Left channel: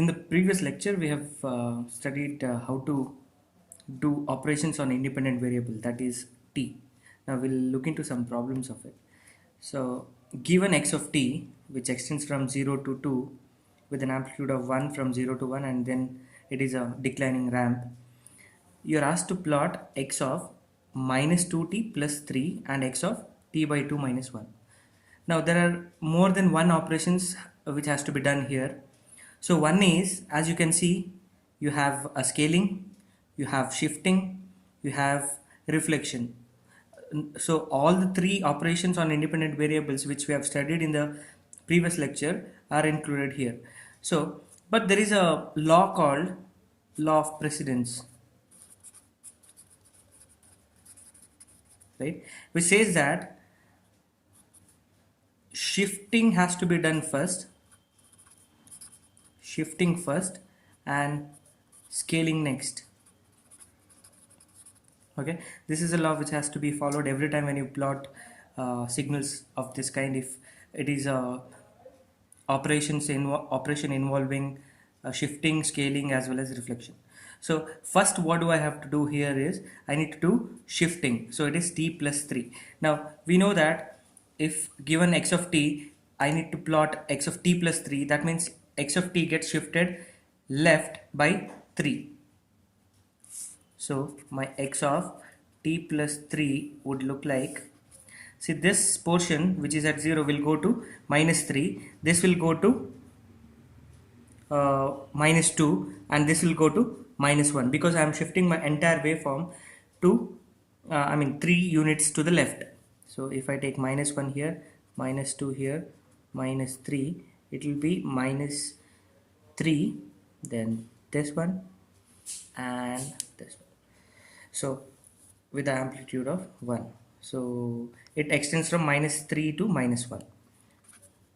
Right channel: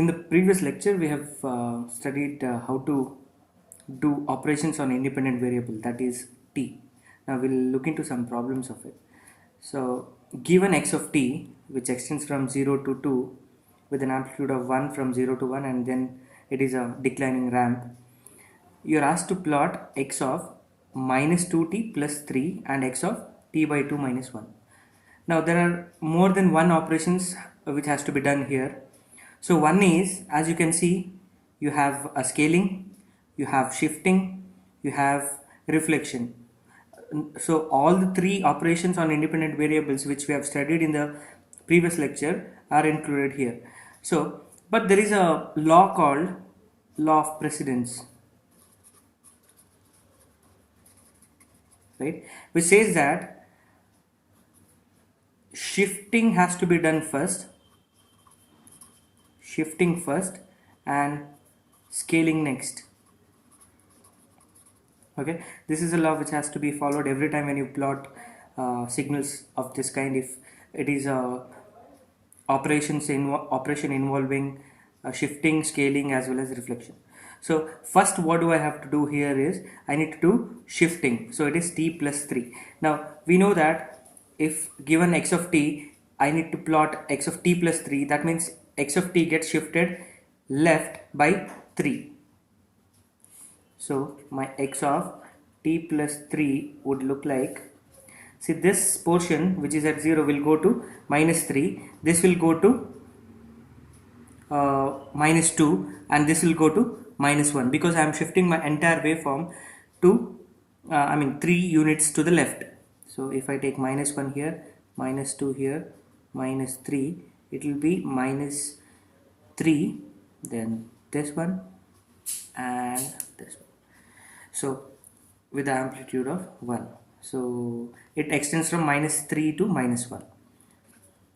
In the previous lecture, we have studied how to do operations on independent variable, that is t. Now we'll look into some problems of it. So given x of t, which extends from 0 to 2 with an amplitude of 1 from 0 to 1, and then it is a declining ramp, you're asked to plot x of minus 2t plus 3 and x of t by 2 minus 1. Now there are more than one operations which has to be done here. So one is, as you can see, you have a scaling, you have shifting, you have reflection. So all the three operations on independent variables which we have studied in the previous lecture are included here. So, but there is a law called law of precedence, right, which says that shifting has to be done first, and scaling next. Okay, this is a law which has to be followed every time when you plot signals of this kind, if it is a operation involving shifting, scaling as well as reflection. So first what do I have to do here is I need to do shifting, so it is t plus 3. Now we know that if given x of t, I need to plot x of t plus 3, that means x of t gets shifted left by 3. So my x of t plus 3 would look like, see, this portion which is at 0 will go to minus 3, this will go to minus 2, and this will go to minus 1, because I am shifting my entire waveform to 3 units to the left. So if I take minus 1 here, minus 2 here, minus 3, it will be minus 3, then this one and this one. So with the amplitude of 1, so it extends from minus 3 to minus 1.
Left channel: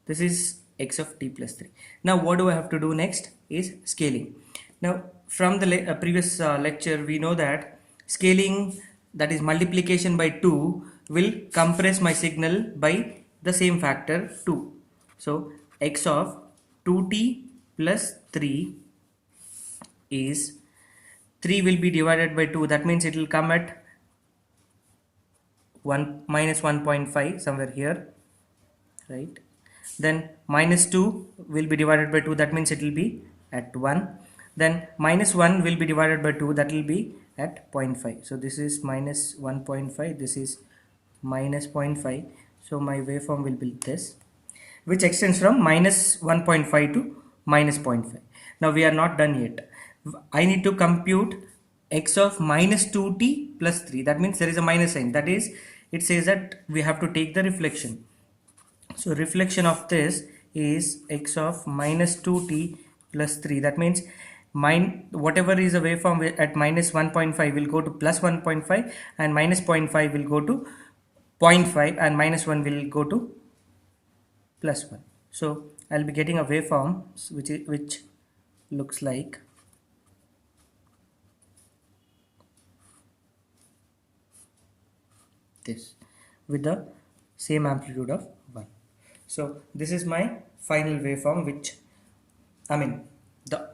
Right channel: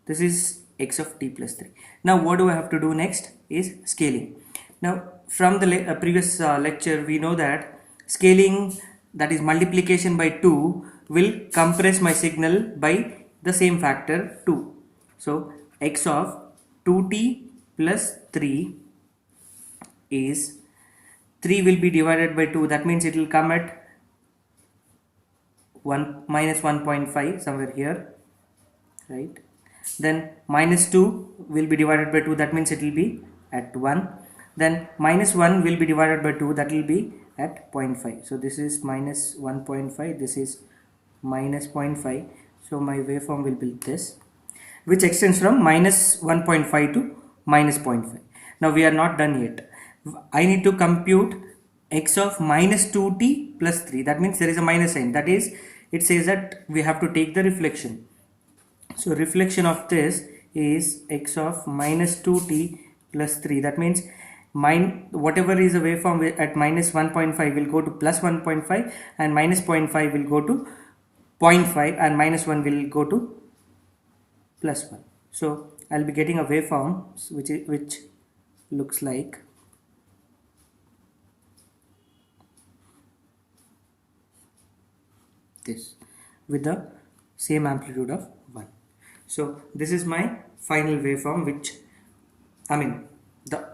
This is x of t plus 3. Now what do I have to do next is scaling. Now from the previous lecture, we know that scaling, that is multiplication by 2, will compress my signal by the same factor 2. So x of 2t plus 3 is, 3 will be divided by 2, that means it will come at 1 minus 1.5 somewhere here, right? Then minus 2 will be divided by 2, that means it will be at 1. Then minus 1 will be divided by 2, that will be at 0.5. So this is minus 1.5, this is minus 0.5. So my waveform will be this, which extends from minus 1.5 to minus 0.5. Now we are not done yet. I need to compute x of minus 2t plus 3, that means there is a minus sign, that is, it says that we have to take the reflection. So reflection of this is x of minus 2t plus 3, that means whatever is the waveform at minus 1.5 will go to plus 1.5, and minus 0.5 will go to 0.5, and minus 1 will go to plus 1. So I'll be getting a waveform which looks like this, with the same amplitude of 1. So this is my final waveform, which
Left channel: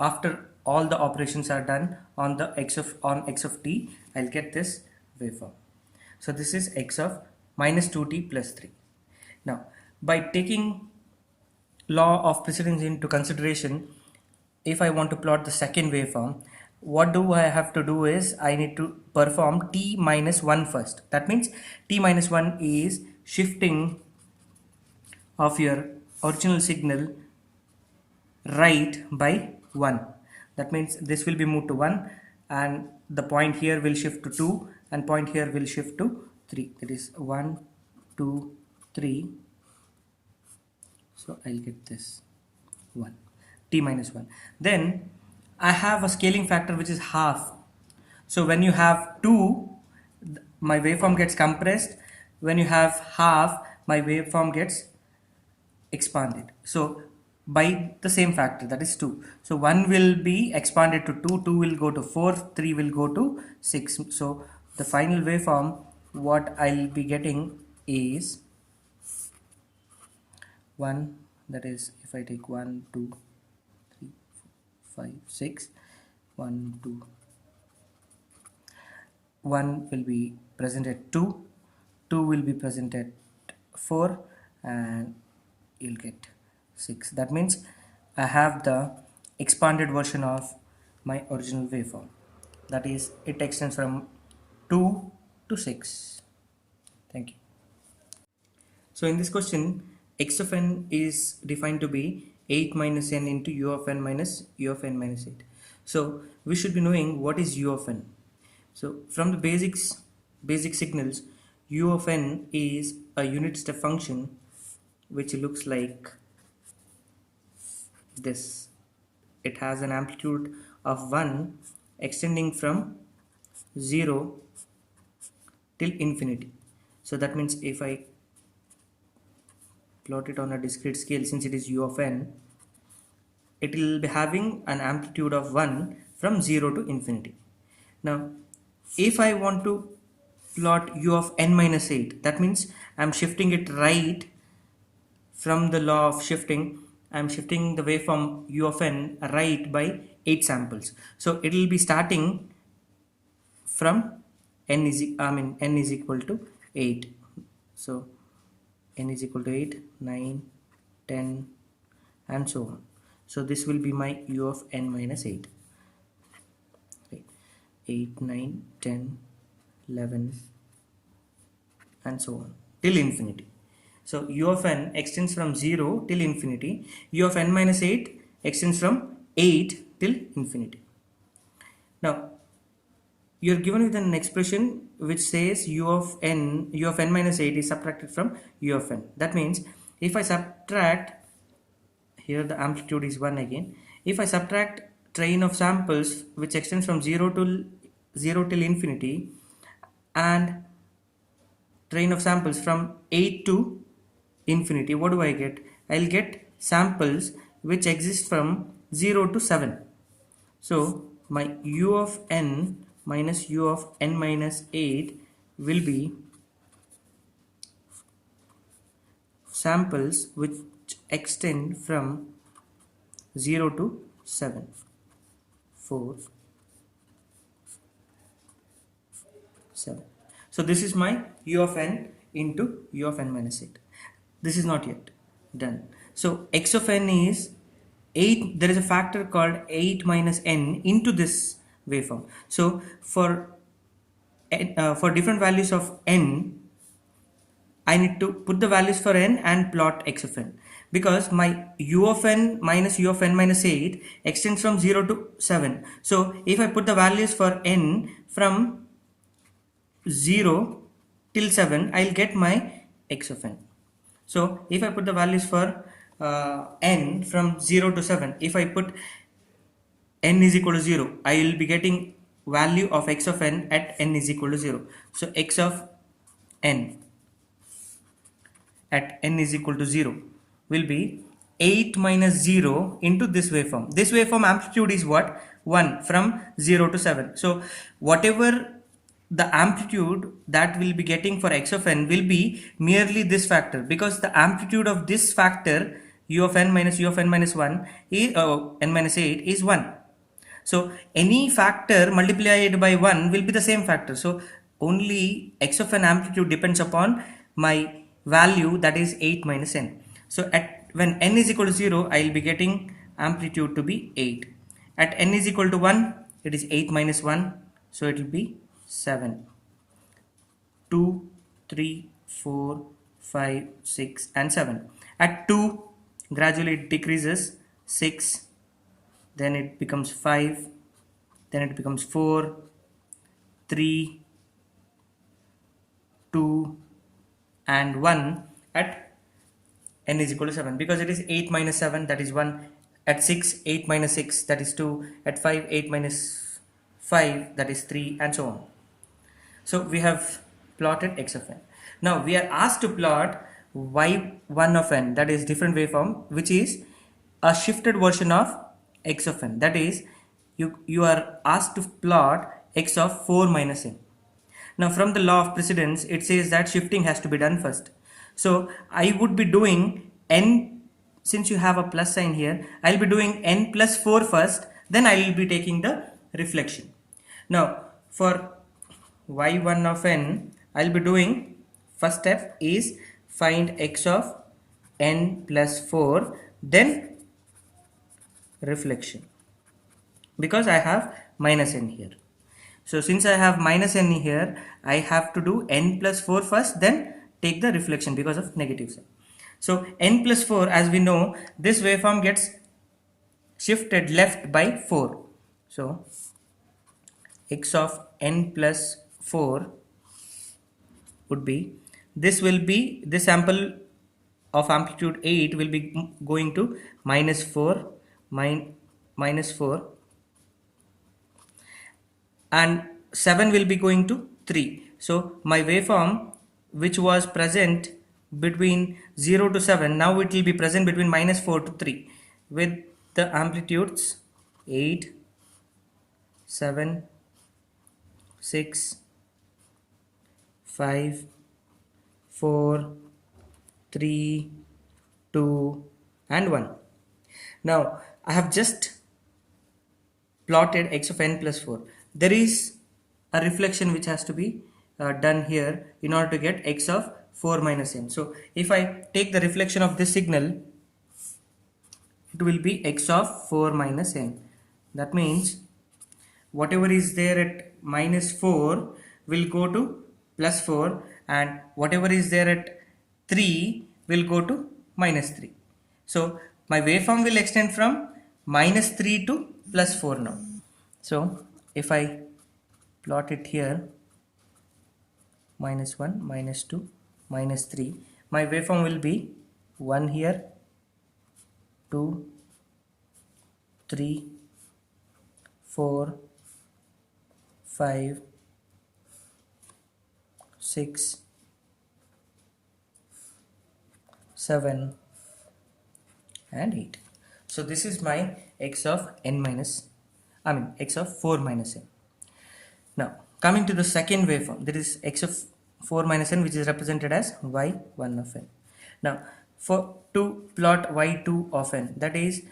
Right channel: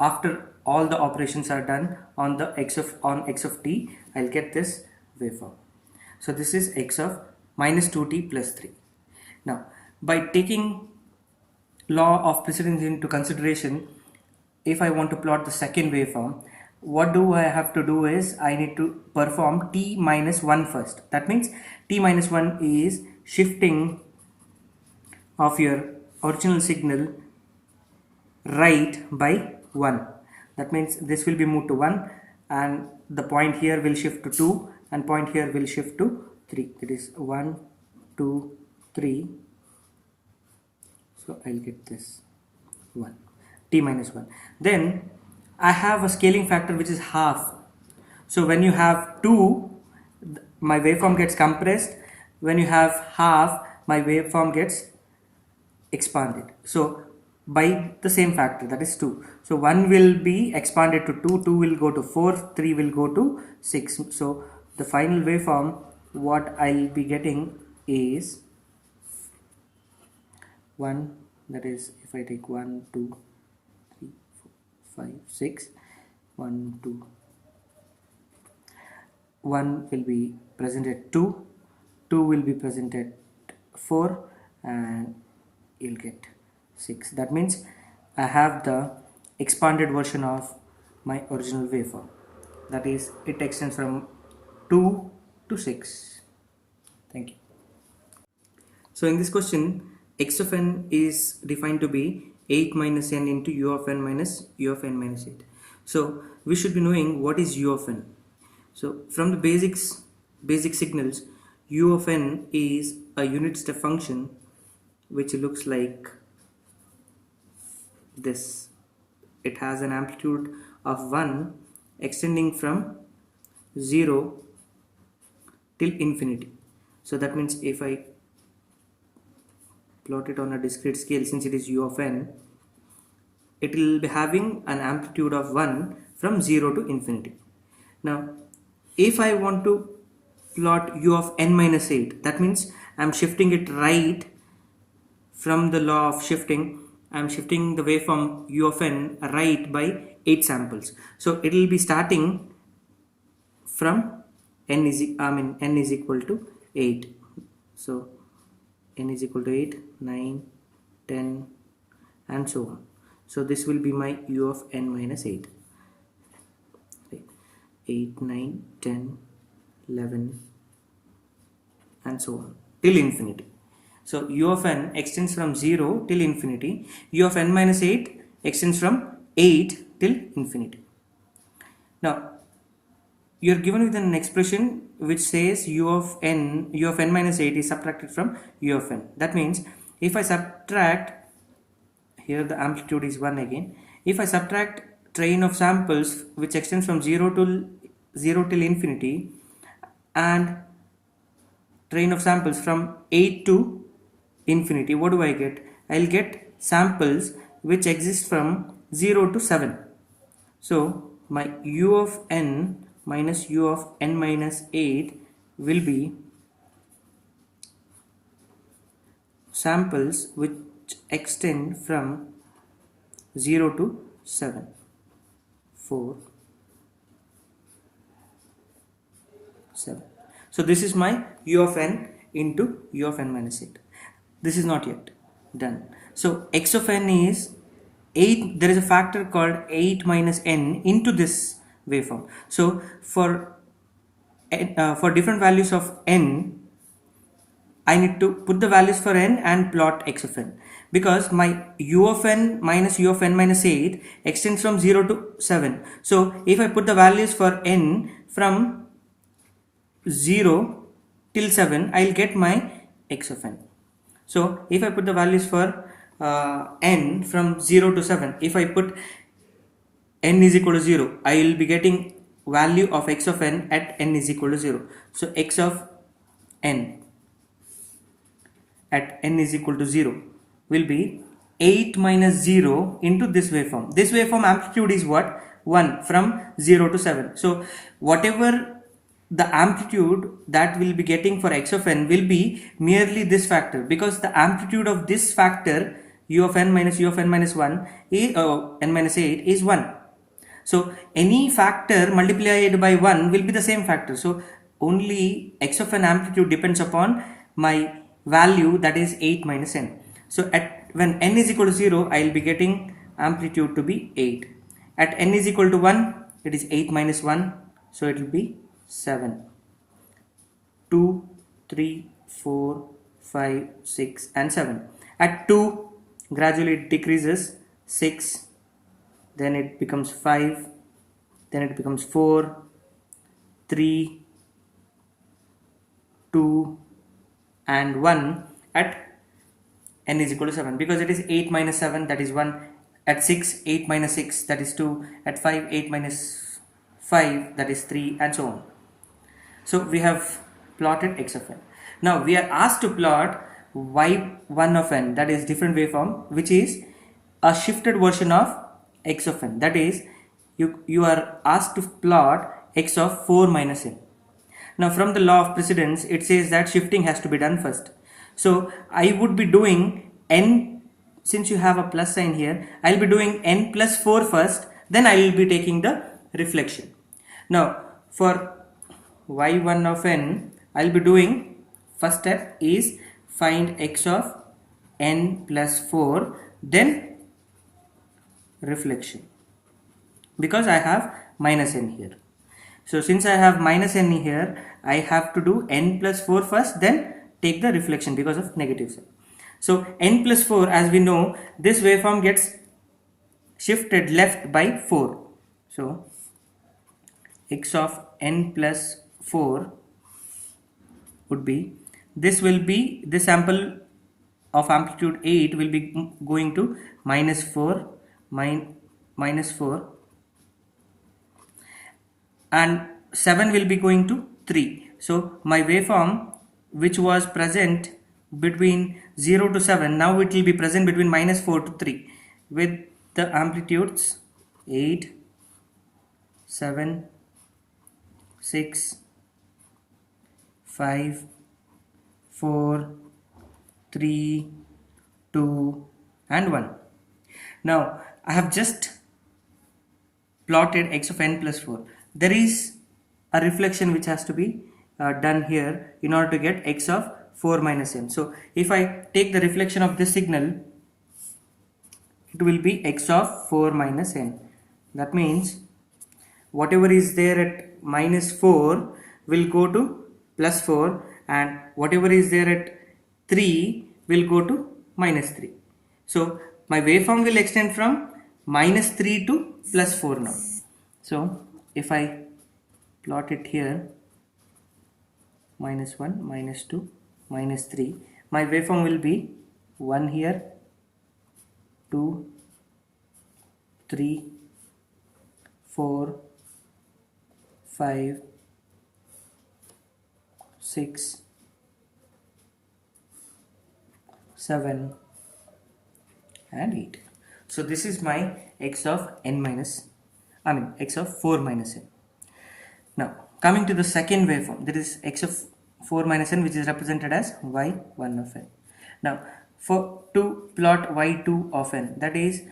after all the operations are done on the x of t, I'll get this waveform. So this is x of minus 2t plus 3. Now by taking law of precedence into consideration, if I want to plot the second waveform, what do I have to do is I need to perform t minus 1 first. That means t minus 1 is shifting of your original signal right by 1. That means this will be moved to 1, and the point here will shift to 2, and point here will shift to 3. That is 1, 2, 3. So I'll get this 1, t minus 1. Then I have a scaling factor which is half. So when you have 2, my waveform gets compressed. When you have half, my waveform gets expanded. So by the same factor, that is 2. So 1 will be expanded to 2, 2 will go to 4, 3 will go to 6. So the final waveform, what I'll be getting is 1, that is, if I take 1, 2, 3, 5, 6, 1, 2. 1 will be present at 2, 2 will be present at 4, and you'll get 6. That means I have the expanded version of my original waveform. That is, it extends from 2 to 6. Thank you. So in this question, x of n is defined to be 8 minus n into u of n minus u of n minus 8. So we should be knowing what is u of n. So from the basic signals, u of n is a unit step function which looks like this. It has an amplitude of 1 extending from 0 till infinity. So that means if I plot it on a discrete scale, since it is u of n, it will be having an amplitude of 1 from 0 to infinity. Now if I want to plot u of n minus 8, that means I am shifting it right from the law of shifting. I am shifting the waveform u of n right by 8 samples. So it will be starting from n is equal to 8. So n is equal to 8, 9, 10, and so on. So this will be my u of n minus 8. 8, 9, 10, 11, and so on till infinity. So u of n extends from 0 till infinity. U of n minus 8 extends from 8 till infinity. Now you are given with an expression which says u of n minus 8 is subtracted from u of n. That means if I subtract, here the amplitude is 1 again, if I subtract train of samples which extends from 0 till infinity and train of samples from 8 to infinity, what do I get? I'll get samples which exist from 0 to 7. So my u of n minus u of n minus 8 will be samples which extend from 0 to 7. 4, 7. So this is my u of n into u of n minus 8. This is not yet done. So x of n is 8. There is a factor called 8 minus n into this waveform. So for different values of n, I need to put the values for n and plot x of n, because my u of n minus u of n minus 8 extends from 0 to 7. So if I put the values for n from 0 till 7, I will get my x of n. So if I put the values for n from 0 to 7, if I put n is equal to 0, I will be getting value of x of n at n is equal to 0. So x of n at n is equal to 0 will be 8 minus 0 into this waveform. This waveform amplitude is what? 1 from 0 to 7. So whatever the amplitude that we'll be getting for x of n will be merely this factor, because the amplitude of this factor u of n minus 1 is, n minus 8 is 1. So any factor multiplied by 1 will be the same factor. So only x of n amplitude depends upon my value, that is 8 minus n. So when n is equal to 0, I will be getting amplitude to be 8. At n is equal to 1, it is 8 minus 1, so it will be 7. 2, 3, 4, 5, 6, and 7. At 2, gradually it decreases. 6, then it becomes 5, then it becomes 4, 3, 2, and 1 at n is equal to 7, because it is 8 minus 7, that is 1. At 6, 8 minus 6, that is 2. At 5, 8 minus 5, that is 3, and so on. So we have plotted x of n. Now we are asked to plot y1 of n, that is different waveform, which is a shifted version of x of n. That is, you are asked to plot x of 4 minus n. Now from the law of precedence, it says that shifting has to be done first. So I would be doing n, since you have a plus sign here, I will be doing n plus 4 first, then I will be taking the reflection. Now for y1 of n, I'll be doing, first step is find x of n plus 4, then reflection, because I have minus n here. So since I have minus n here, I have to do n plus 4 first, then take the reflection because of negative sign. So n plus 4, as we know, this waveform gets shifted left by 4. So x of n plus 4 would be, this will be, this sample of amplitude 8 will be going to minus 4, minus 4, and 7 will be going to 3. So my waveform, which was present between 0 to 7, now it will be present between minus 4 to 3 with the amplitudes 8, 7, 6, 5, 4, 3, 2 and 1. Now I have just plotted x of n plus 4. There is a reflection which has to be done here in order to get x of 4 minus n. So if I take the reflection of this signal, it will be x of 4 minus n. That means whatever is there at minus 4 will go to plus 4, and whatever is there at 3 will go to minus 3. So my waveform will extend from minus 3 to plus 4 now. So if I plot it here, minus 1, minus 2, minus 3, my waveform will be 1 here, 2, 3, 4, 5, 6, 7 and 8. So this is my x of n minus, x of 4 minus n. Now coming to the second waveform, that is x of 4 minus n, which is represented as y1 of n. Now to plot y2 of n, that is,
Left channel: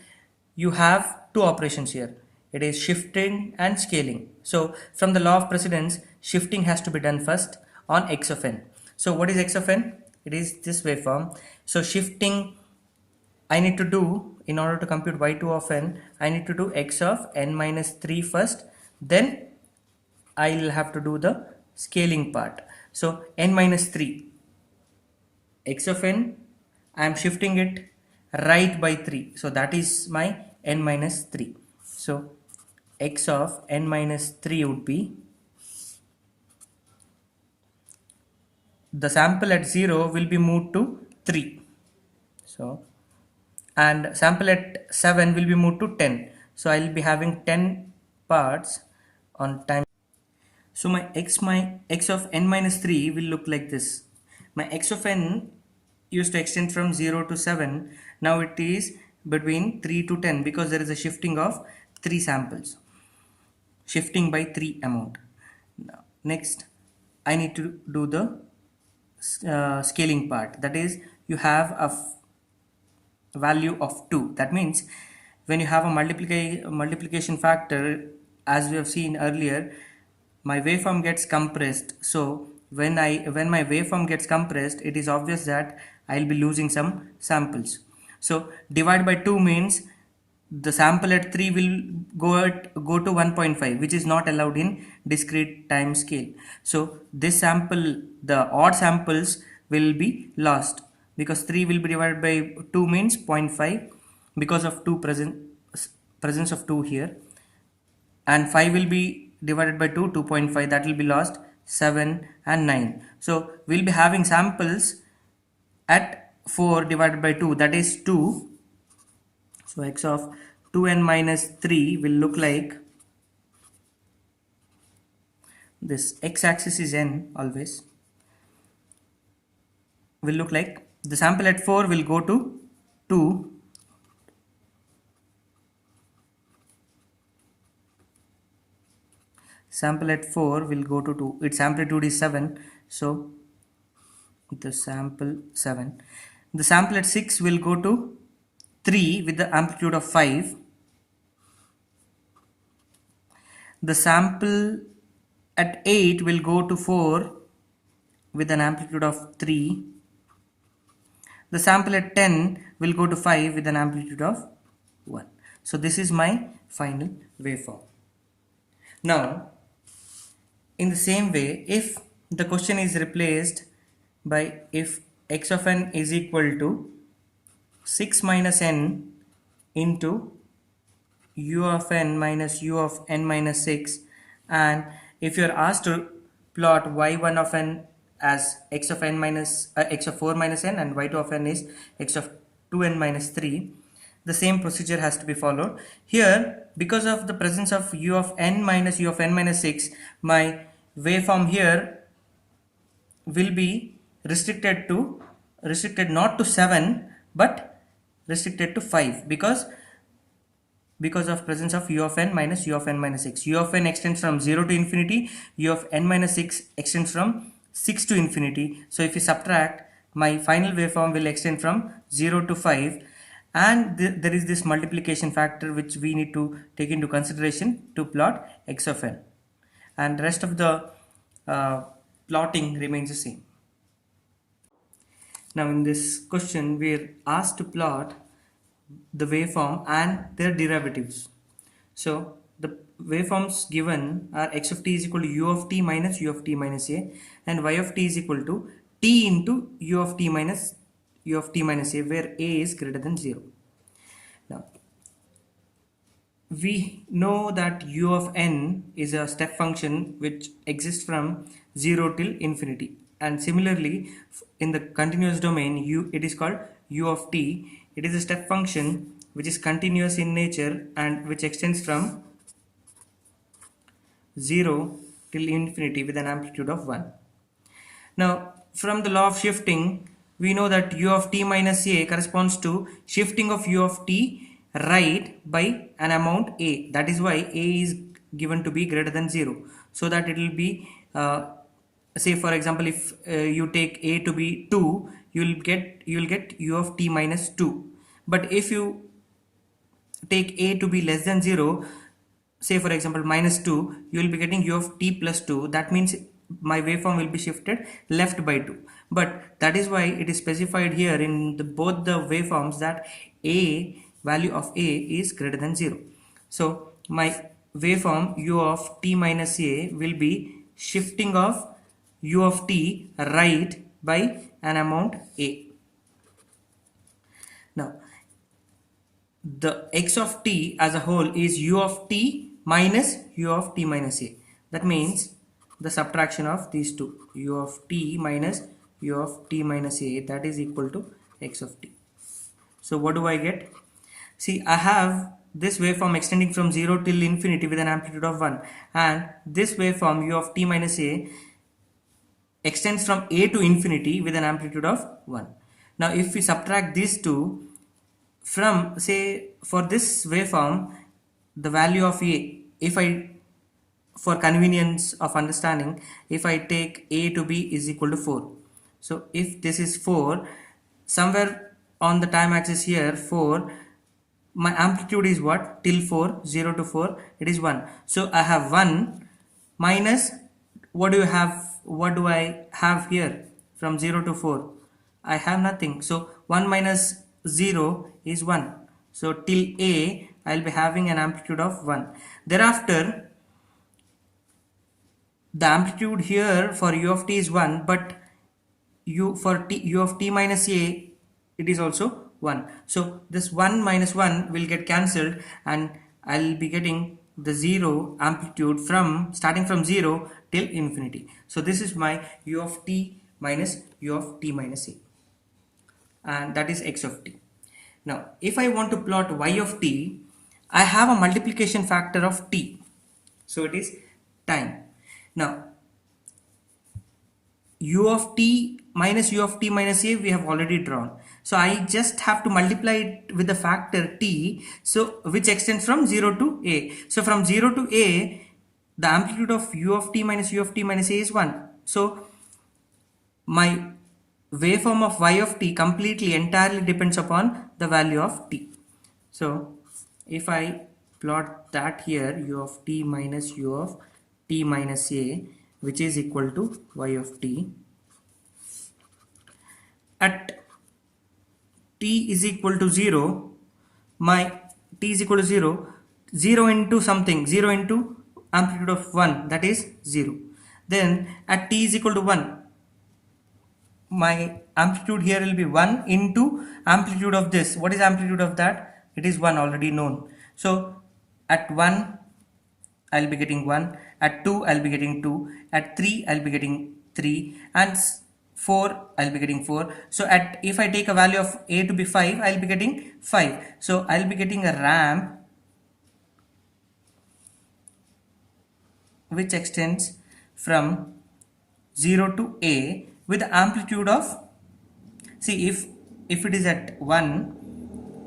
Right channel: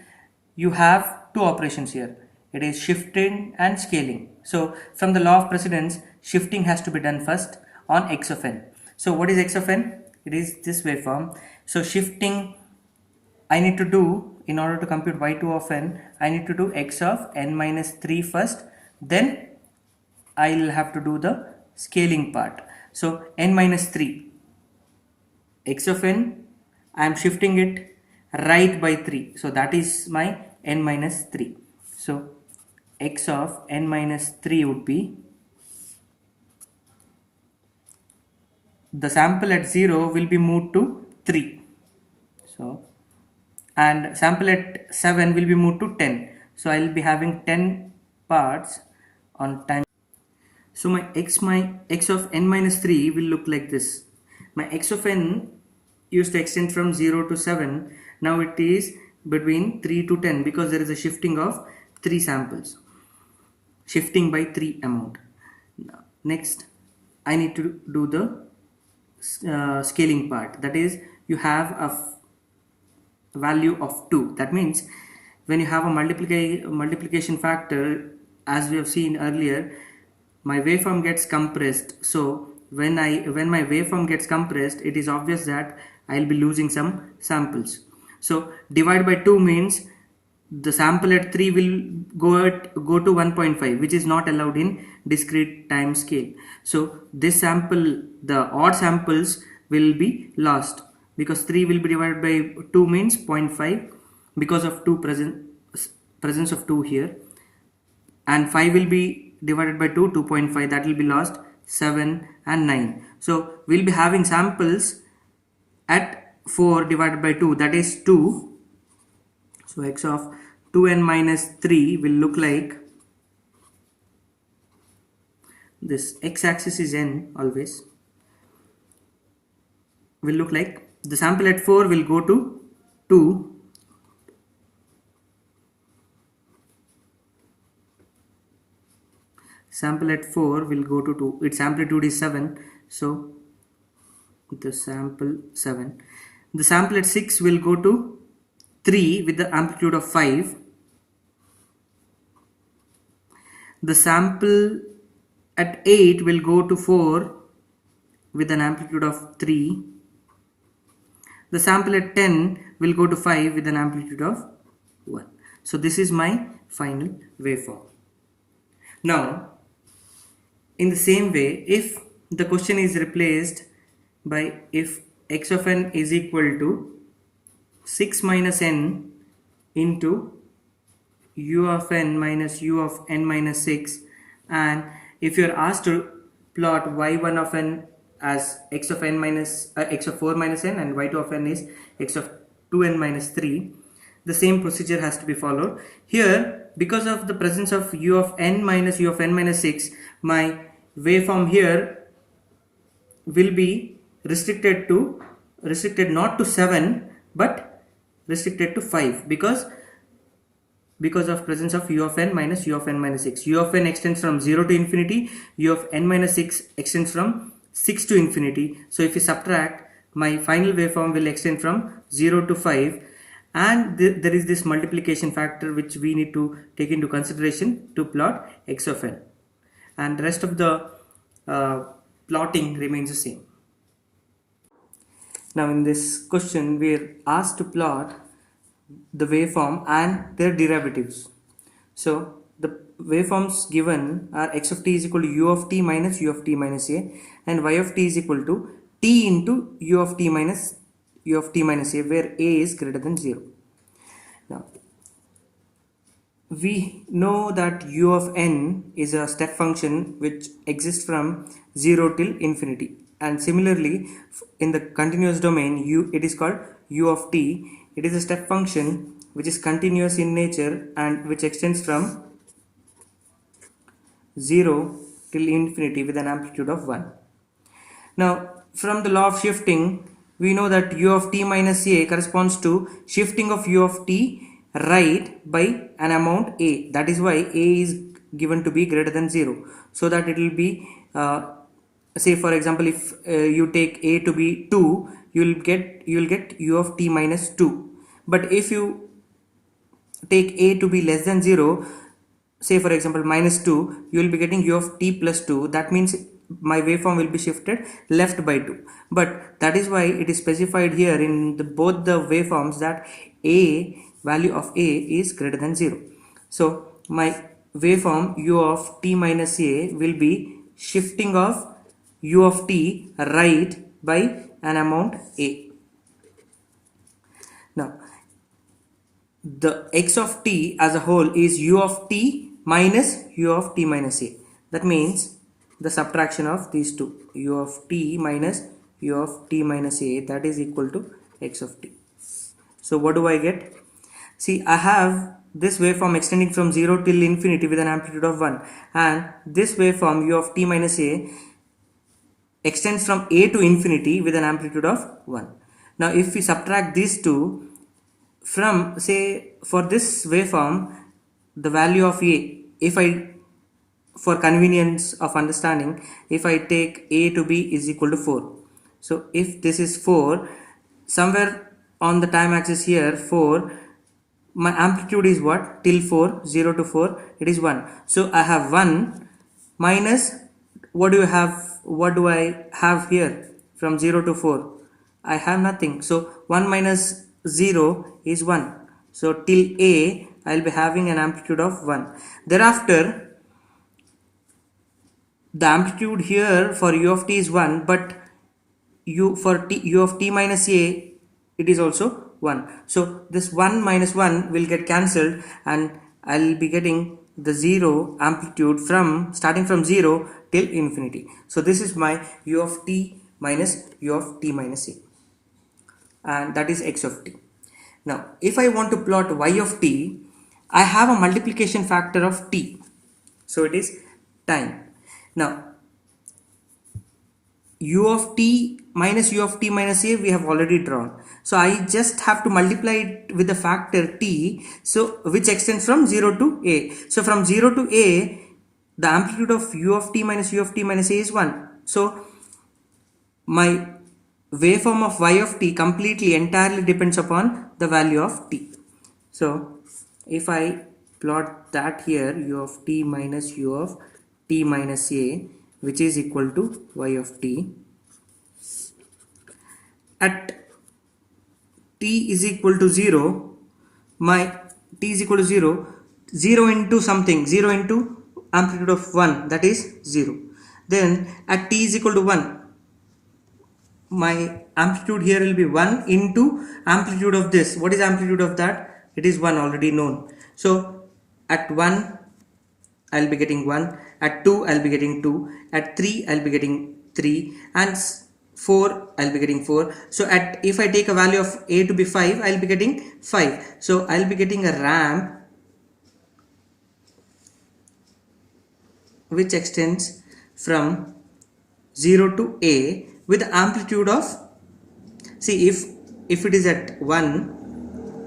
you have two operations here. It is shifting and scaling. So from the law of precedence, shifting has to be done first on x of n. So what is x of n? It is this waveform. So shifting I need to do, in order to compute y2 of n, I need to do x of n minus 3 first, then I will have to do the scaling part. So n minus 3, x of n, I am shifting it right by 3. So that is my n minus 3. So x of n minus 3 would be, the sample at 0 will be moved to 3. So, and sample at 7 will be moved to 10. So I will be having 10 parts on time. So my x of n minus 3 will look like this. My x of n used to extend from 0 to 7. Now it is between 3 to 10, because there is a shifting of 3 samples. Shifting by 3 amount. Now, next I need to do the scaling part. That is, you have a value of 2. That means when you have a multiplication factor, as we have seen earlier, my waveform gets compressed. So when my waveform gets compressed, it is obvious that I will be losing some samples. So divide by 2 means the sample at 3 will go to 1.5, which is not allowed in discrete time scale. So this sample, the odd samples, will be lost, because 3 will be divided by 2 means 0.5, because of presence of 2 here, and 5 will be divided by 2, 2.5, that will be lost, 7 and 9. So we'll be having samples at 4 divided by 2, that is 2. So x of 2n minus 3 will look like this. X-axis is n always. Will look like, the sample at 4 will go to 2, sample at 4 will go to 2, its amplitude is 7, so the sample 7. The sample at 6 will go to 3 with the amplitude of 5, the sample at 8 will go to 4 with an amplitude of 3. The sample at 10 will go to 5 with an amplitude of 1. So this is my final waveform. Now, in the same way, if the question is replaced by if x of n is equal to 6 minus n into u of n minus u of n minus 6, and if you are asked to plot y1 of n as x of n minus x of 4 minus n and y2 of n is x of 2n minus 3, the same procedure has to be followed. Here, because of the presence of u of n minus u of n minus 6, my waveform here will be restricted not to 7 but restricted to 5 because of presence of u of n minus u of n minus 6. U of n extends from 0 to infinity, u of n minus 6 extends from 6 to infinity. So if you subtract, my final waveform will extend from 0 to 5, and there is this multiplication factor which we need to take into consideration to plot x of n, and the rest of the plotting remains the same. Now in this question we are asked to plot the waveform and their derivatives. So the waveforms given are x of t is equal to u of t minus a, and y of t is equal to t into u of t minus a, where a is greater than 0. Now we know that u of n is a step function which exists from 0 till infinity, and similarly in the continuous domain it is called u of t. It is a step function which is continuous in nature and which extends from 0 till infinity with an amplitude of 1. Now from the law of shifting, we know that u of t minus a corresponds to shifting of u of t right by an amount a. That is why a is given to be greater than 0, so that it will be say for example, if you take a to be 2, you will get u of t minus 2. But if you take a to be less than 0, say for example minus 2, you will be getting u of t plus 2. That means my waveform will be shifted left by 2. But that is why it is specified here in both the waveforms that a value of a is greater than 0. So my waveform u of t minus a will be shifting of u of t right by an amount a. Now the x of t as a whole is u of t minus u of t minus a. That means the subtraction of these two, u of t minus u of t minus a, that is equal to x of t. So what do I get? See, I have this waveform extending from 0 till infinity with an amplitude of 1, and this waveform u of t minus a extends from a to infinity with an amplitude of 1. Now if we subtract these two from, say for this waveform, the value of a, if I, for convenience of understanding, if I take a to be is equal to 4. So if this is 4, somewhere on the time axis here 4, my amplitude is what? Till 4, 0 to 4, it is 1. So I have 1 minus, what do I have here from 0 to 4? I have nothing. So 1 minus 0 is 1. So till a, I will be having an amplitude of 1. Thereafter, the amplitude here for u of t is 1, but u of t minus a, it is also 1. So this 1 minus 1 will get cancelled, and I will be getting the 0 amplitude from starting from 0 till infinity. So this is my u of t minus u of t minus a, and that is x of t. Now if I want to plot y of t, I have a multiplication factor of t, so it is time. Now u of t minus u of t minus a we have already drawn, so I just have to multiply it with the factor t, so which extends from 0 to a. So from 0 to a, the amplitude of u of t minus u of t minus a is 1. So my waveform of y of t completely entirely depends upon the value of t. So if I plot that here, u of t minus u of t minus a, which is equal to y of t. At t is equal to 0, my t is equal to 0, 0 into something, 0 into amplitude of 1, that is 0. Then at t is equal to 1, my amplitude here will be 1 into amplitude of this. What is amplitude of that? It is 1, already known. So at 1 I'll be getting 1, at 2 I'll be getting 2, at 3 I'll be getting 3, and 4 I'll be getting 4. So at, if I take a value of a to be 5, I'll be getting 5. So I'll be getting a ramp which extends from 0 to a with amplitude of, see, if it is at 1,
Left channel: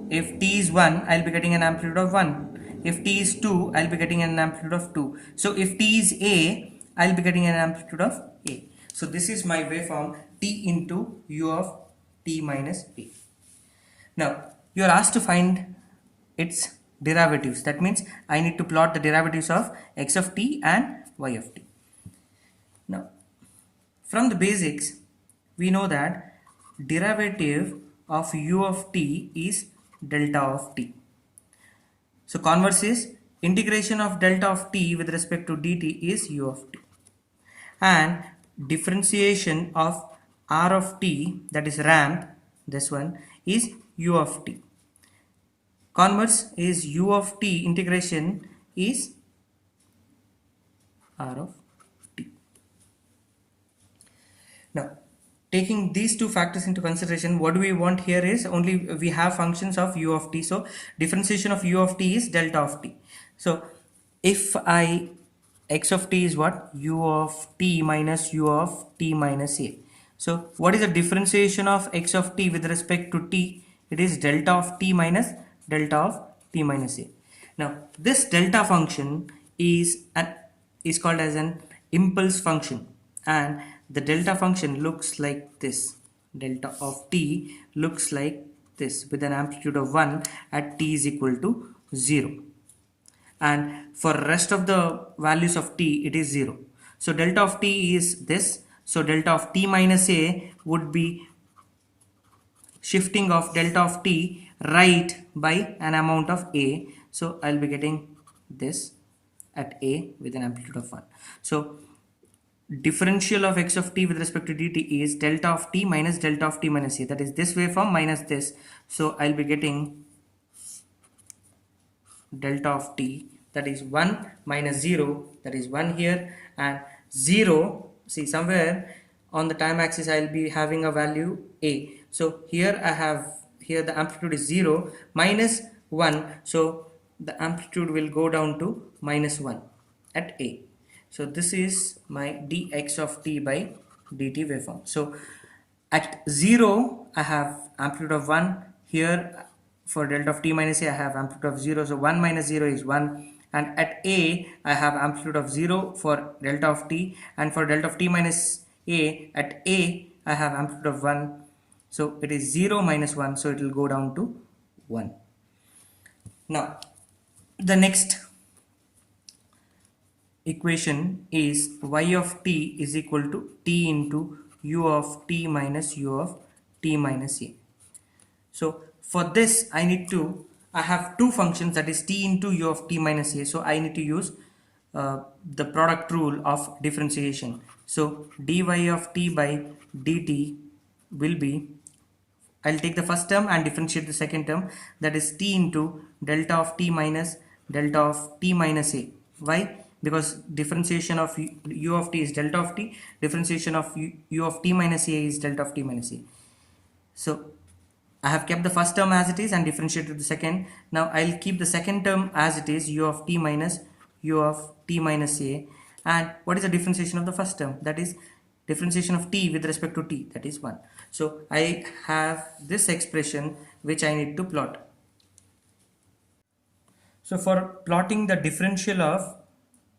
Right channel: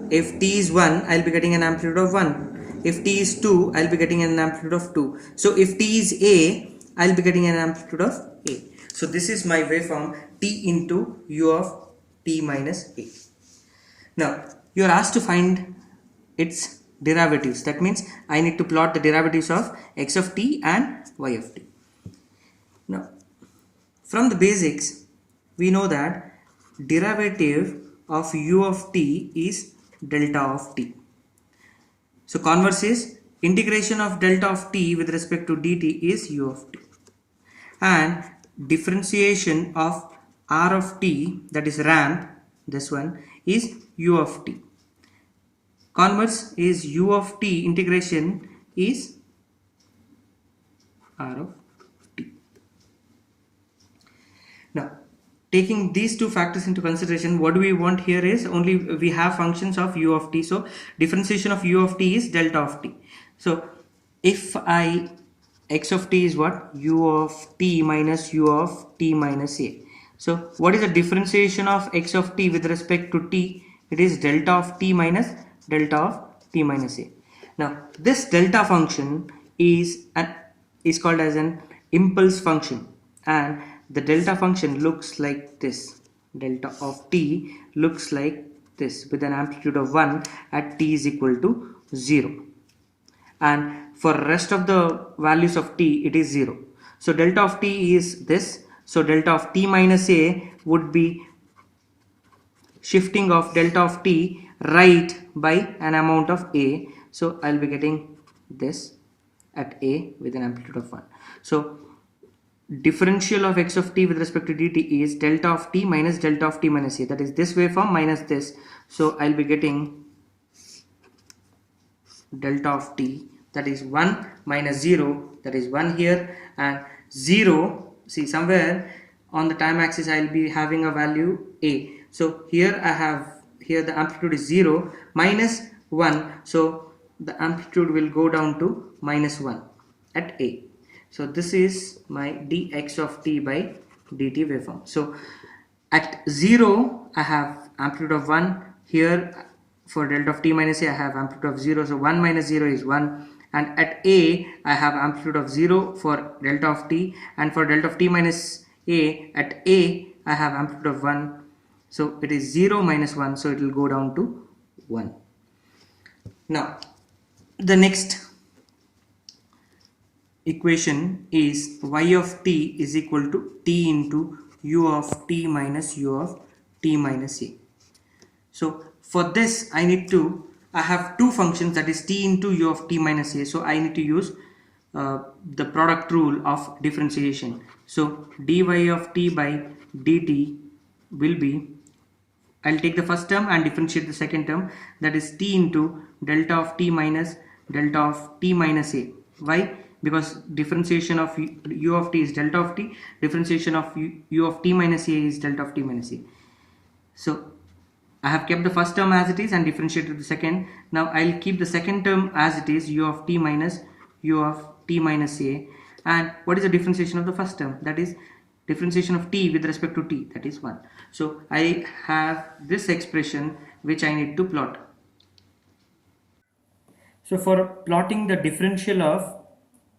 if t is 1, I'll be getting an amplitude of 1. If t is 2, I'll be getting an amplitude of 2. So if t is a, I'll be getting an amplitude of a. So this is my waveform t into u of t minus a. Now you are asked to find its derivatives. That means I need to plot the derivatives of x of t and y of t. Now from the basics, we know that derivative of u of t is delta of t. So converse is integration of delta of t with respect to dt is u of t, and differentiation of r of t, that is ramp, this one, is u of t. Converse is u of t integration is r of t. Now taking these two factors into consideration, what do we want here is only we have functions of u of t. So differentiation of u of t is delta of t. So if I, x of t is what? U of t minus u of t minus a. So what is the differentiation of x of t with respect to t? It is delta of t minus delta of t minus a. Now this delta function is called as an impulse function, and the delta function looks like this. Delta of t looks like this with an amplitude of 1 at t is equal to 0, and for rest of the values of t it is 0. So delta of t is this. So delta of t minus a would be shifting of delta of t right by an amount of a. So I'll be getting this at a with an amplitude of 1. So differential of x of t with respect to dt is delta of t minus delta of t minus a, that is this waveform minus this. So I'll be getting delta of t, that is 1 minus 0, that is 1 here, and 0, see somewhere on the time axis I'll be having a value a. So here I have, here the amplitude is 0 minus 1, so the amplitude will go down to minus 1 at a. So this is my dx of t by dt waveform. So at 0 I have amplitude of 1, here for delta of t minus a I have amplitude of 0, so 1 minus 0 is 1, and at a I have amplitude of 0 for delta of t, and for delta of t minus a at a I have amplitude of 1, so it is 0 minus 1, so it will go down to 1. Now the next equation is y of t is equal to t into u of t minus u of t minus a. So for this I have two functions, that is t into u of t minus a. So I need to use the product rule of differentiation. So dy of t by dt will be, I'll take the first term and differentiate the second term, that is t into delta of t minus delta of t minus a. Why? Because differentiation of u of t is delta of t, differentiation of u of t minus a is delta of t minus a. So I have kept the first term as it is and differentiated the second. Now I'll keep the second term as it is, u of t minus u of t minus a. And what is the differentiation of the first term? That is differentiation of t with respect to t, that is 1. So I have this expression which I need to plot. So for plotting the differential of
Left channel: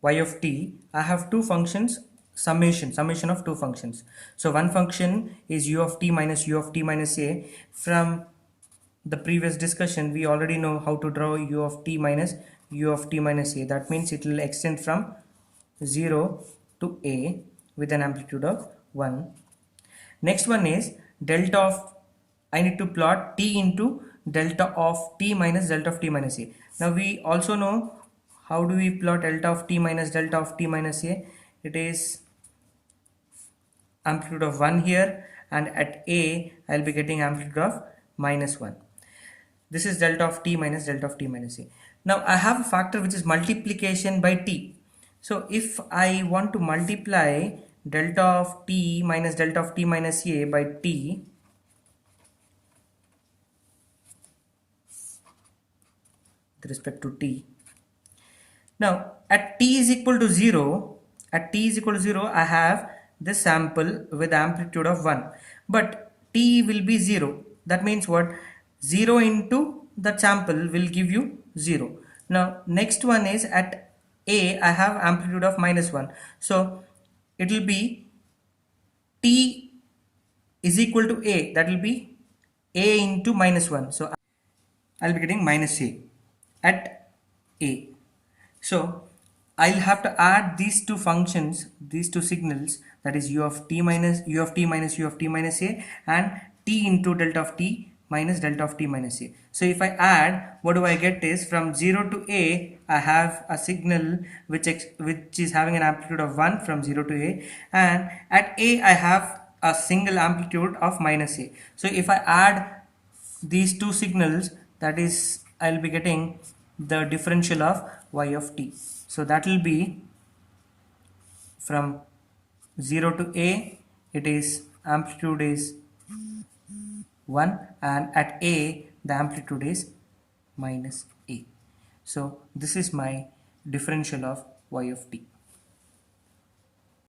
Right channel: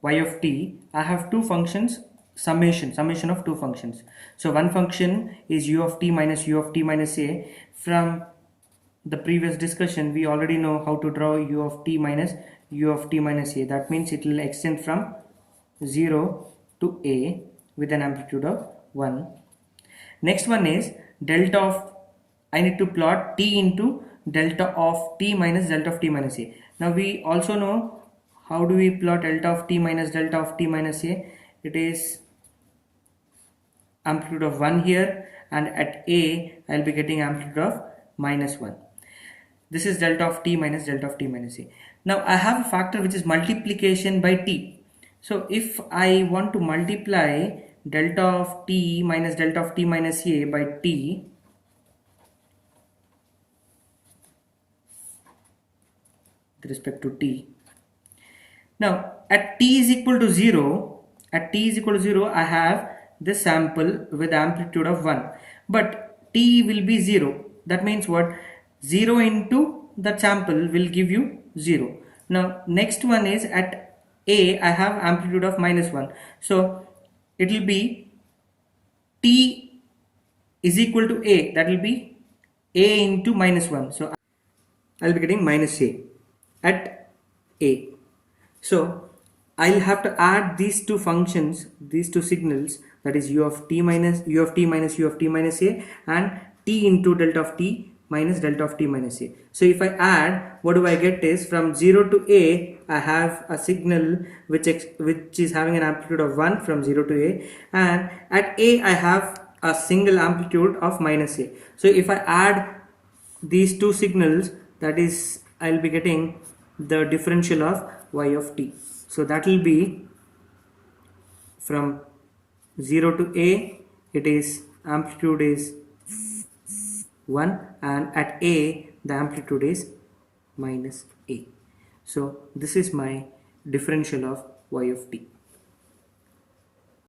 y of t, I have two functions, summation of two functions. So one function is u of t minus a. From the previous discussion, we already know how to draw u of t minus a. That means it will extend from 0 to a with an amplitude of 1. Next one is delta of, I need to plot t into delta of t minus delta of t minus a. Now we also know how do we plot delta of t minus delta of t minus a. It is amplitude of 1 here, and at a I will be getting amplitude of minus 1. This is delta of t minus delta of t minus a. Now I have a factor which is multiplication by t. So if I want to multiply delta of t minus delta of t minus a by t, with respect to t. Now at t is equal to 0, I have this sample with amplitude of 1, but t will be 0. That means what? 0 into that sample will give you 0. Now next one is at a I have amplitude of minus 1. So it will be t is equal to a, that will be a into minus 1. So I'll be getting minus a at a. So I'll have to add these two functions, these two signals, that is u of t minus u of t minus u of t minus a, and t into delta of t minus delta of t minus a. So if I add, what do I get is from 0 to a I have a signal which is having an amplitude of 1 from 0 to a, and at a I have a single amplitude of minus a. So if I add these two signals, that is I'll be getting the differential of y of t. So that will be from 0 to a, it is amplitude is 1, and at a the amplitude is minus a. So this is my differential of y of t.